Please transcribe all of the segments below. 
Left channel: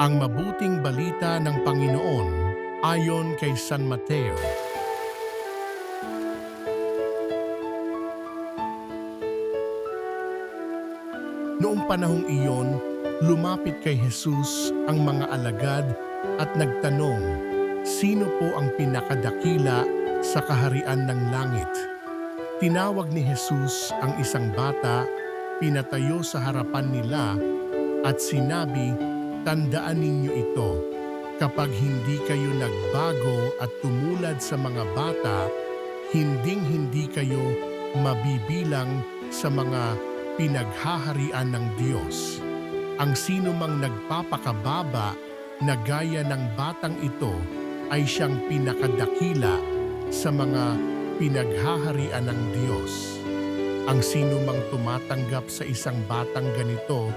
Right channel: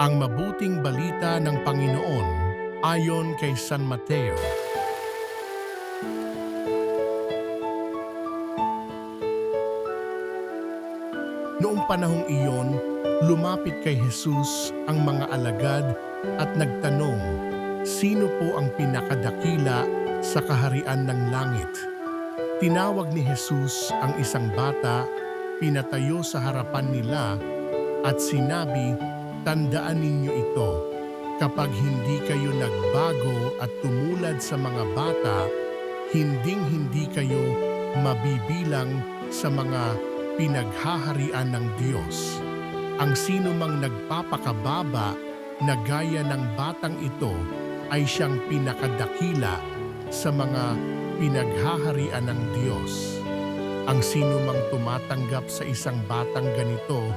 Ang mabuting balita ng Panginoon ayon kay San Mateo. Noong panahong iyon, lumapit kay Jesus ang mga alagad at nagtanong, "Sino po ang pinakadakila sa kaharian ng langit?" Tinawag ni Jesus ang isang bata, pinatayo sa harapan nila at sinabi, "Tandaan ninyo ito, kapag hindi kayo nagbago at tumulad sa mga bata, hinding-hindi kayo mabibilang sa mga pinaghaharian ng Diyos. Ang sino mang nagpapakababa na gaya ng batang ito ay siyang pinakadakila sa mga pinaghaharian ng Diyos. Ang sino mang tumatanggap sa isang batang ganito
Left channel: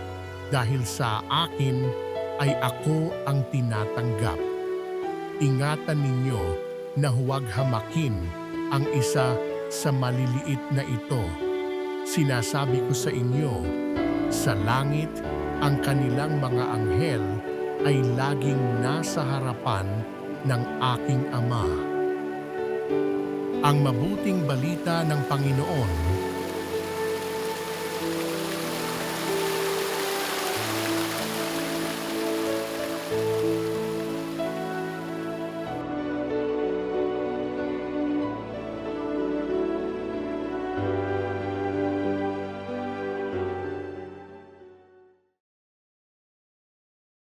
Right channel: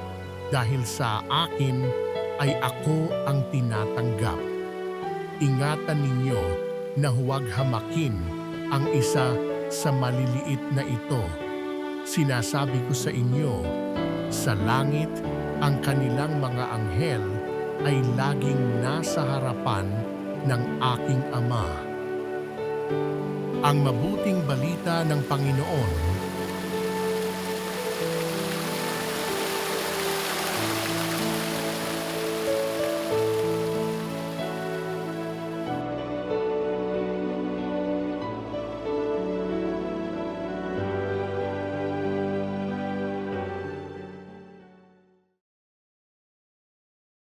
dahil sa akin ay ako ang tinatanggap. Ingatan ninyo na huwag hamakin ang isa sa maliliit na ito. Sinasabi ko sa inyo, sa langit ang kanilang mga anghel ay laging nasa harapan ng aking Ama." Ang mabuting balita ng Panginoon